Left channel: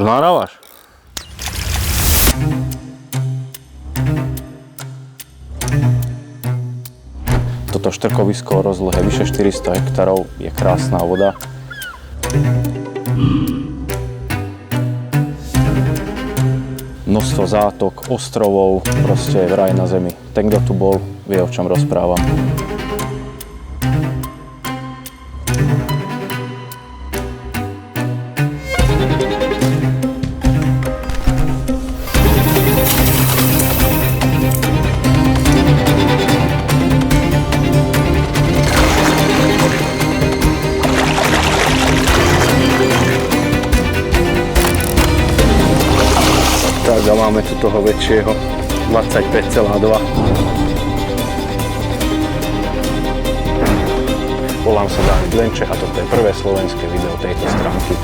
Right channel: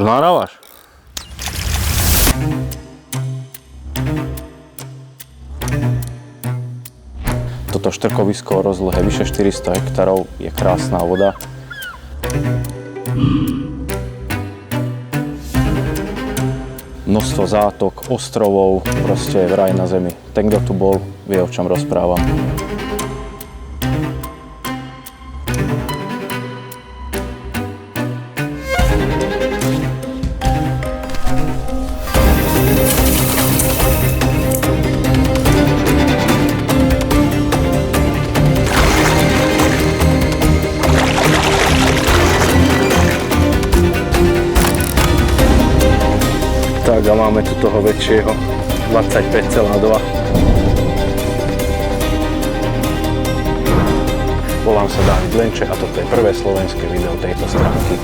Už nahrávaš? Toto štrkovisko o rozlohe vyše 400 hektárov je krásna voda. Množstvo zátok, ostrovov, proste v raj na zemi. Ten, kto tu bol, vie, o čom rozprávam. Tak a máme tu toho väčšieho 25,2. Volám sa Dávid Lenče a toto je prvé slovenské video tejto stránky.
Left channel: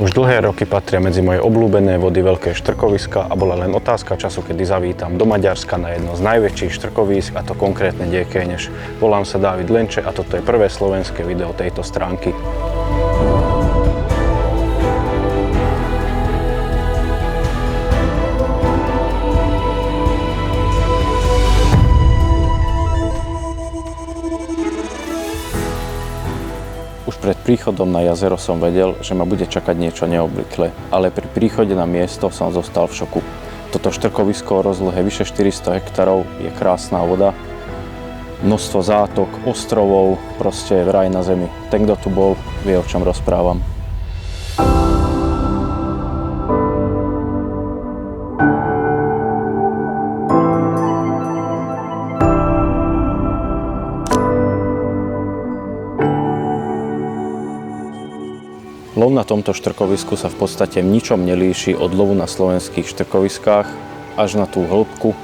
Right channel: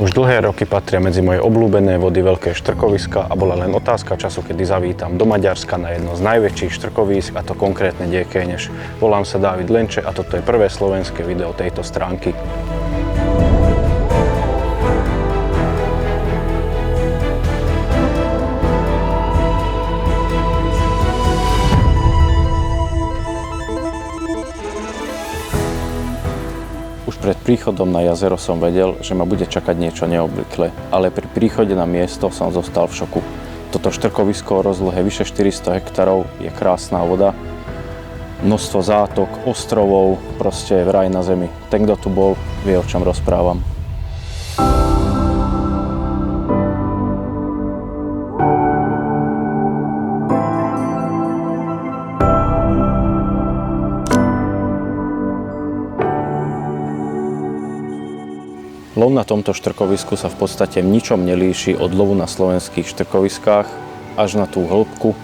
Už dlhé roky patria medzi moje obľúbené vody veľké štrkoviska a bola len otázka času, kedy zavítam do Maďarska na jedno z najväčších štrkovísk, a to konkrétne Gyökenyes. Volám sa Dávid Lenče a toto je prvé slovenské video tejto stránky. Už pred príchodom na jazero som vedel, že ma bude čakať niečo neobvyklé, ale pri príchode na miesto som zostal v šoku. Toto štrkovisko o rozlohe vyše 400 hektárov je krásna voda, množstvo zátok, ostrovov, proste v raj na zemi. Ten, kto tu bol, vie, o čom rozprávam. Lov na tomto štrkovisku sa v podstate v ničom nelíši od lovu na slovenských štrkoviskách až na tú hĺbku,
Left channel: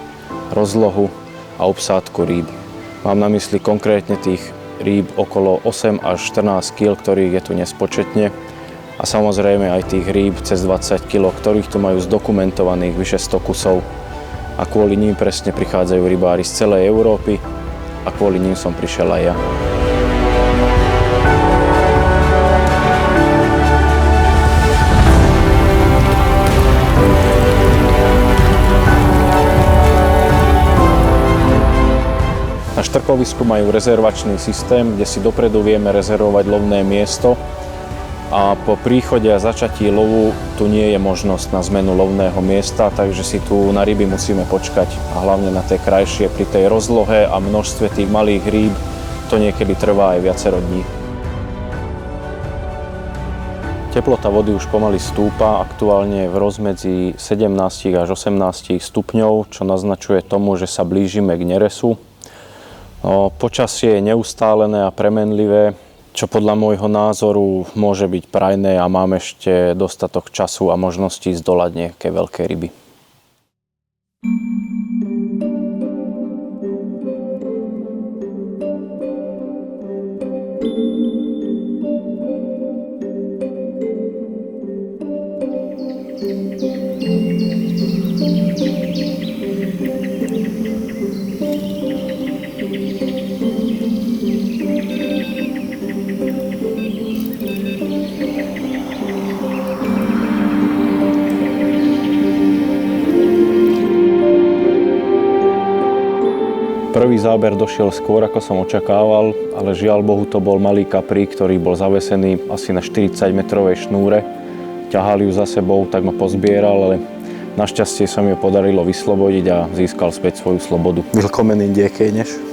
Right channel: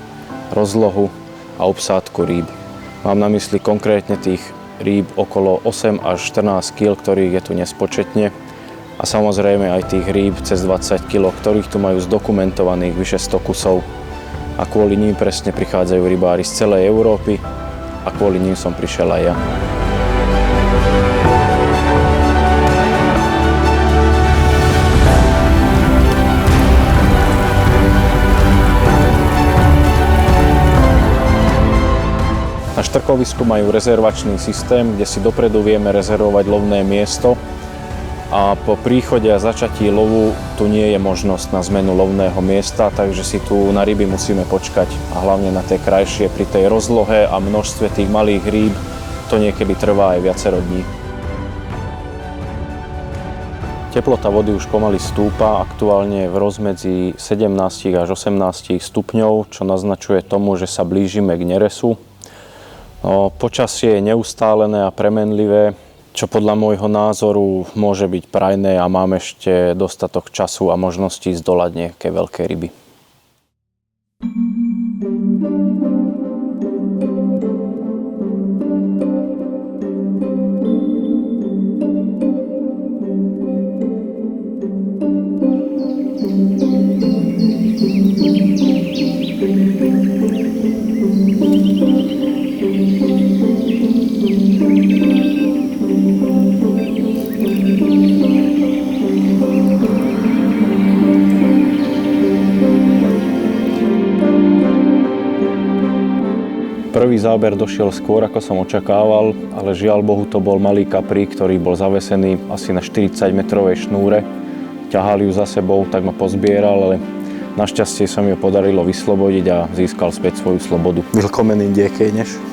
rozlohu a obsádku rýb. Mám na mysli konkrétne tých rýb okolo 8 až 14 kg, ktorých je tu nespočetne, a samozrejme aj tých rýb cez 20 kg, ktorých tu majú zdokumentovaných vyše 100 kusov, a kvôli ním presne prichádzajú rybári z celej Európy a kvôli ním som prišiel aj ja. Na štrkovisku majú rezervačný systém, kde si dopredu vieme rezervovať lovné miesto, a po príchode a začatí lovu tu nie je možnosť na zmenu lovného miesta, takže si tu na ryby musíme počkať, a hlavne na tie krajšie pri tej rozlohe a množstve tých malých rýb to niekedy trvá aj viacero dní. Teplota vody už pomaly stúpa, aktuálne je v rozmedzi 17 až 18 stupňov, čo naznačuje tomu, že sa blížime k neresu. Počasie je neustálené a premenlivé, čo podľa môjho názoru môže byť prajné, a mám ešte dostatok času a možností zdolať nejaké veľké ryby. Prvý záber došiel skôr, ako som očakával, ale žiaľ Bohu to bol malý kaprík, ktorý bol zavesený asi na 40-metrovej šnúre. Ťahali ju za sebou, tak ma pozbieral, ale Našťastie sa mi ho podarilo vyslobodiť a získal späť svoju slobodu. Willkommen in die Kéňeš.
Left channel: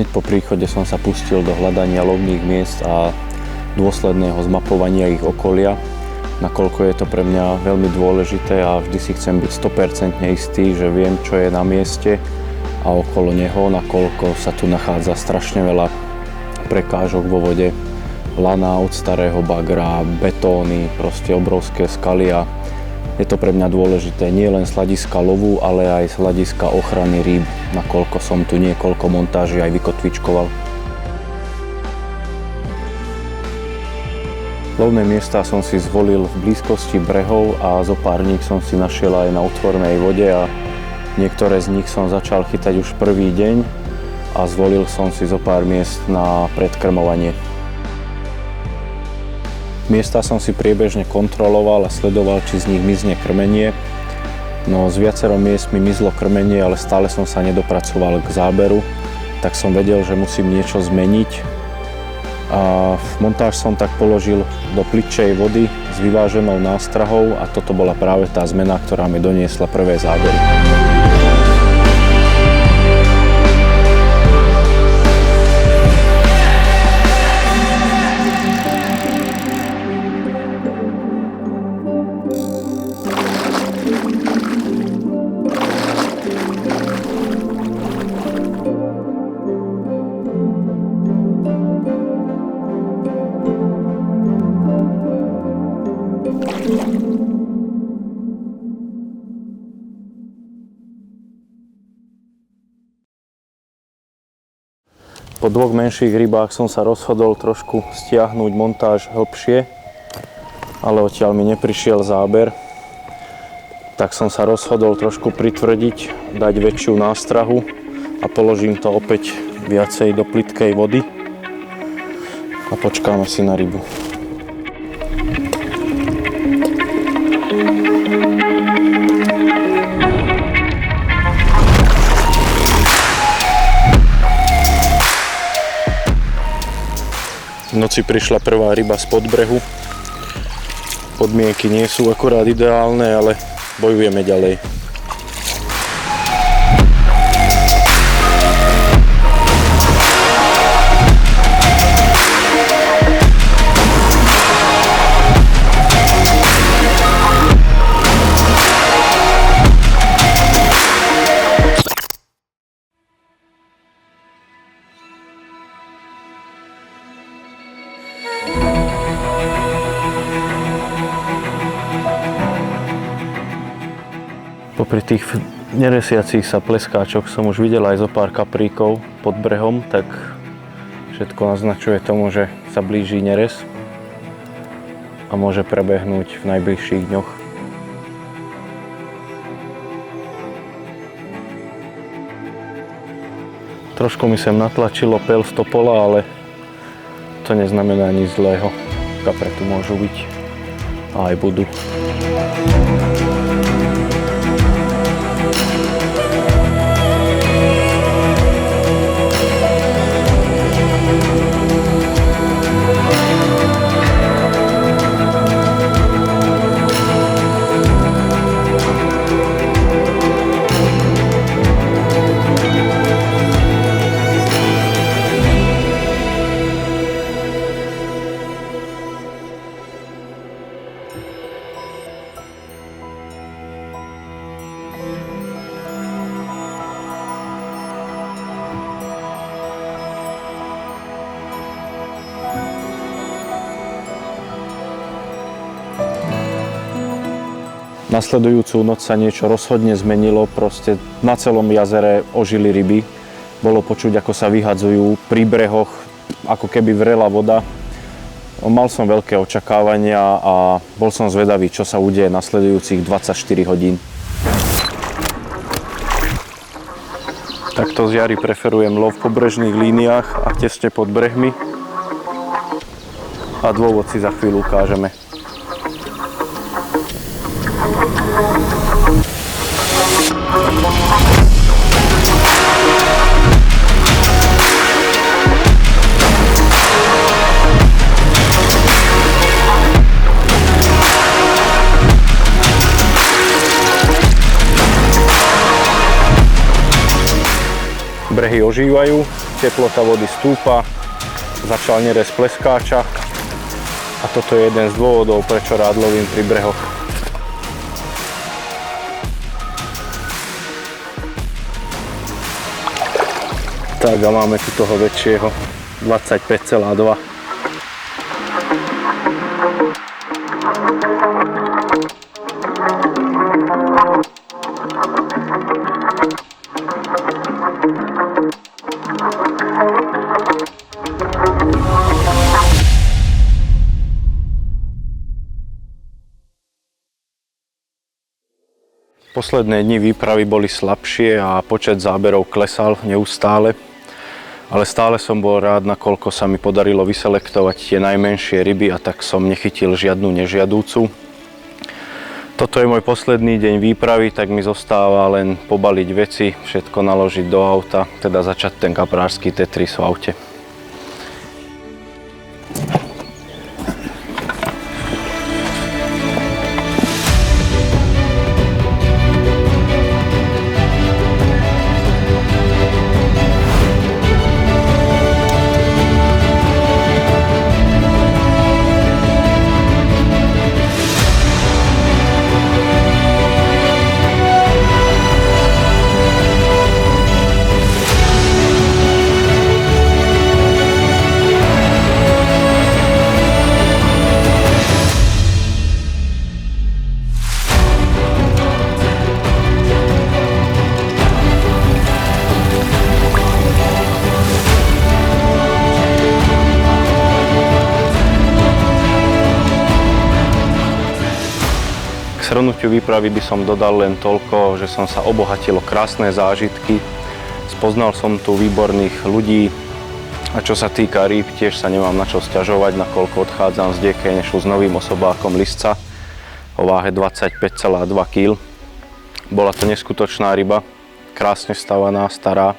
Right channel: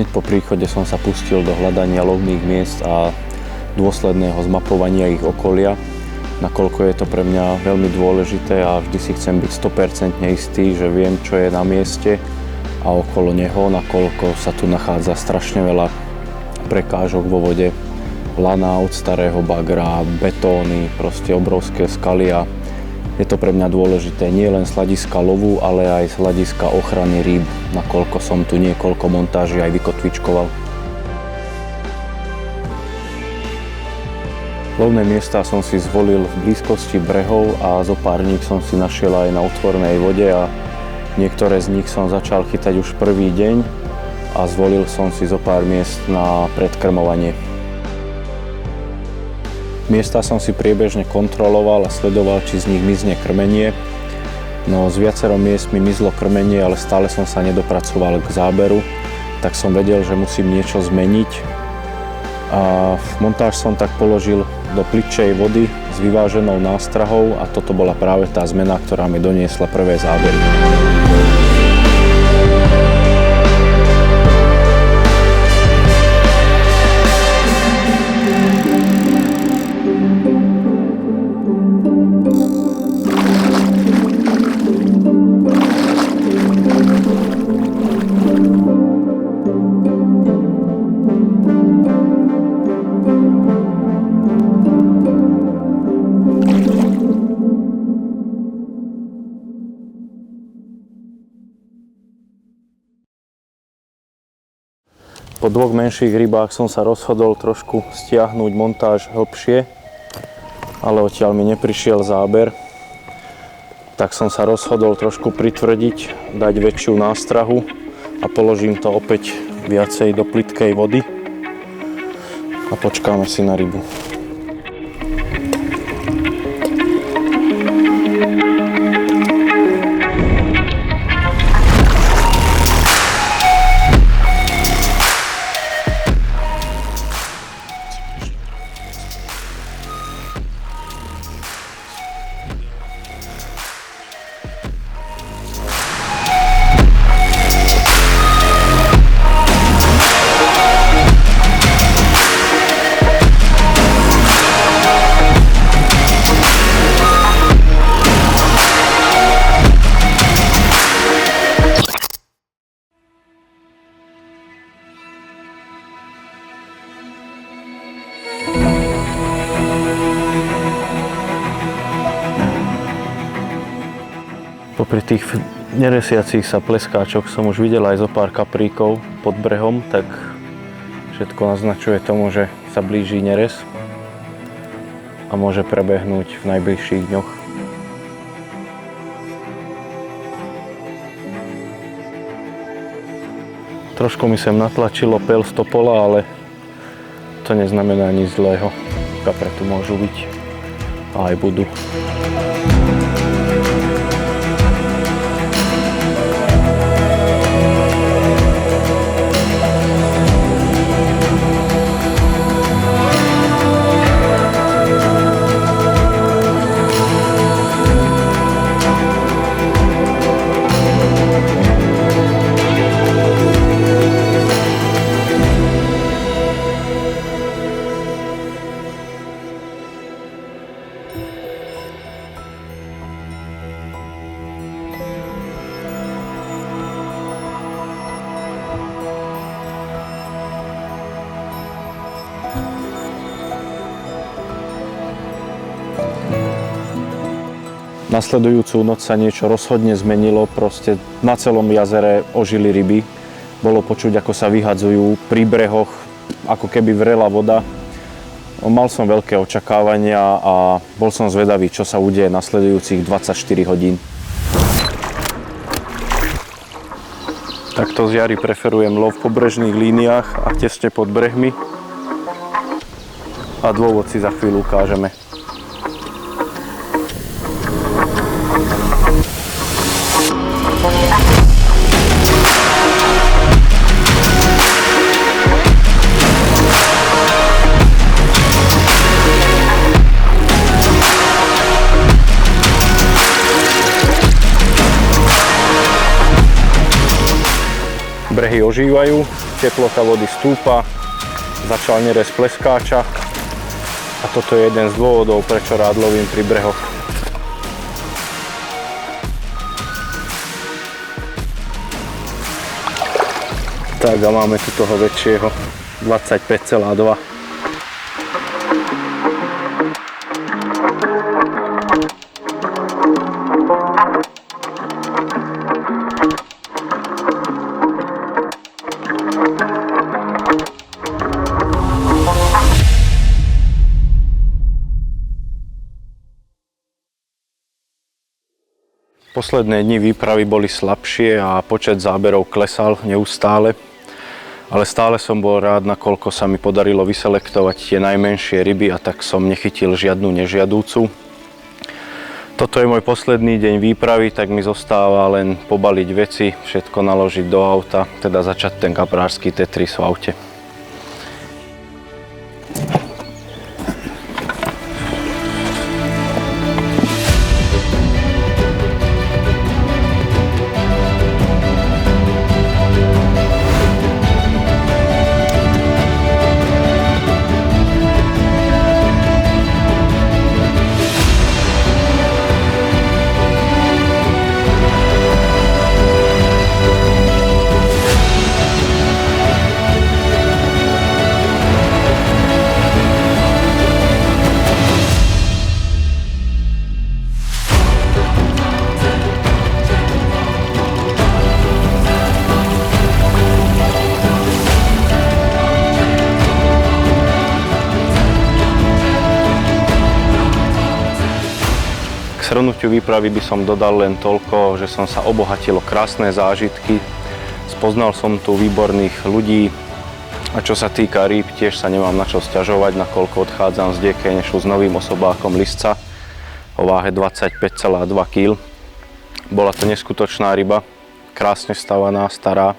Hneď po príchode som sa pustil do hľadania lovných miest a dôsledného zmapovania ich okolia, nakoľko je to pre mňa veľmi dôležité a vždy si chcem byť 100% istý, že viem, čo je na mieste a okolo neho, nakoľko sa tu nachádza strašne veľa prekážok vo vode, lana od starého bagra, betóny, proste obrovské skaly a je to pre mňa dôležité nie len z hľadiska lovu, ale aj z hľadiska ochrany rýb, nakoľko som tu niekoľko montáží aj vykotvičkoval. Lovné miesta som si zvolil v blízkosti brehov a zo pár nich som si našiel aj na otvorenej vode a niektoré z nich som začal chytať už prvý deň a zvolil som si zo pár miest na predkrmovanie. Miesta som si priebežne kontroloval a sledoval, či z nich mizne krmenie. No z viacero miest mi mizlo krmenie, ale stále som sa nedopracoval k záberu, tak som vedel, že musím niečo zmeniť. A montáž som tak položil do plitčej vody s vyváženou nástrahou a toto bola práve tá zmena, ktorá mi doniesla prvé zábery. Po dvoch menších rybách som sa rozhodol trošku stiahnuť montáž hlbšie, ale odtiaľ mi neprišiel záber. Tak som sa rozhodol trošku pritvrdiť, dať väčšiu nástrahu a položím to opäť viacej do plytkej vody a počkáme si na rybu. V noci prišla prvá ryba spod brehu. Podmienky nie sú akurát ideálne, ale bojujeme ďalej. Popri tých neresiacich sa pleskáčoch som už videl aj zo pár kapríkov pod brehom, tak všetko naznačuje tomu, že sa blíži neres a môže prebehnúť v najbližších dňoch. Trošku mi sem natlačilo pel z topola, ale to neznamená nič zlého. Kapre tu môžu byť a aj budú. Nasledujúcu noc sa niečo rozhodne zmenilo, proste na celom jazere ožili ryby. Bolo počuť, ako sa vyhadzujú pri brehoch, ako keby vrela voda. Mal som veľké očakávania a bol som zvedavý, čo sa udeje nasledujúcich 24 hodín. Takto z jary preferujem lov v pobrežných líniách a tesne pod brehmi. A dôvod si za chvíľu ukážeme. Brehy ožívajú, teplota vody stúpa, začal nerez pleskáča a toto je jeden z dôvodov, prečo rád lovím pri brehoch. Tak a máme tu toho väčšieho, 25,2. Posledné dni výpravy boli slabšie a počet záberov klesal neustále, ale stále som bol rád, nakoľko sa mi podarilo vyselektovať tie najmenšie ryby a tak som nechytil žiadnu nežiadúcu. Toto je môj posledný deň výpravy, tak mi zostáva len pobaliť veci, všetko naložiť do auta, teda začať ten kaprársky Tetris v aute. K shrnutiu výpravy by som dodal len toľko, že som sa obohatil o krásne zážitky, spoznal som tu výborných ľudí a čo sa týka rýb, tiež sa nemám na čo sťažovať, nakoľko odchádzam z Diekenešu s novým osobákom lisca o váhe 25,2 kg. Bola to neskutočná ryba, krásne stavaná, stará.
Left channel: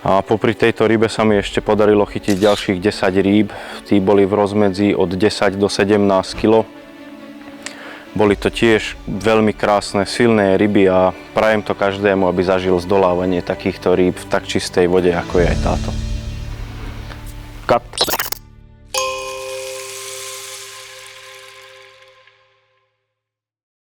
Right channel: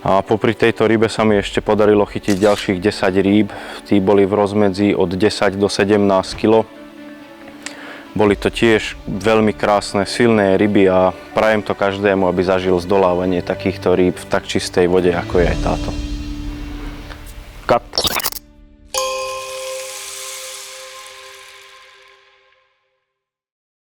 A popri tejto rybe sa mi ešte podarilo chytiť ďalších 10 rýb, tí boli v rozmedzi od 10 do 17 kg. Boli to tiež veľmi krásne, silné ryby a prajem to každému, aby zažil zdolávanie takýchto rýb v tak čistej vode, ako je aj táto.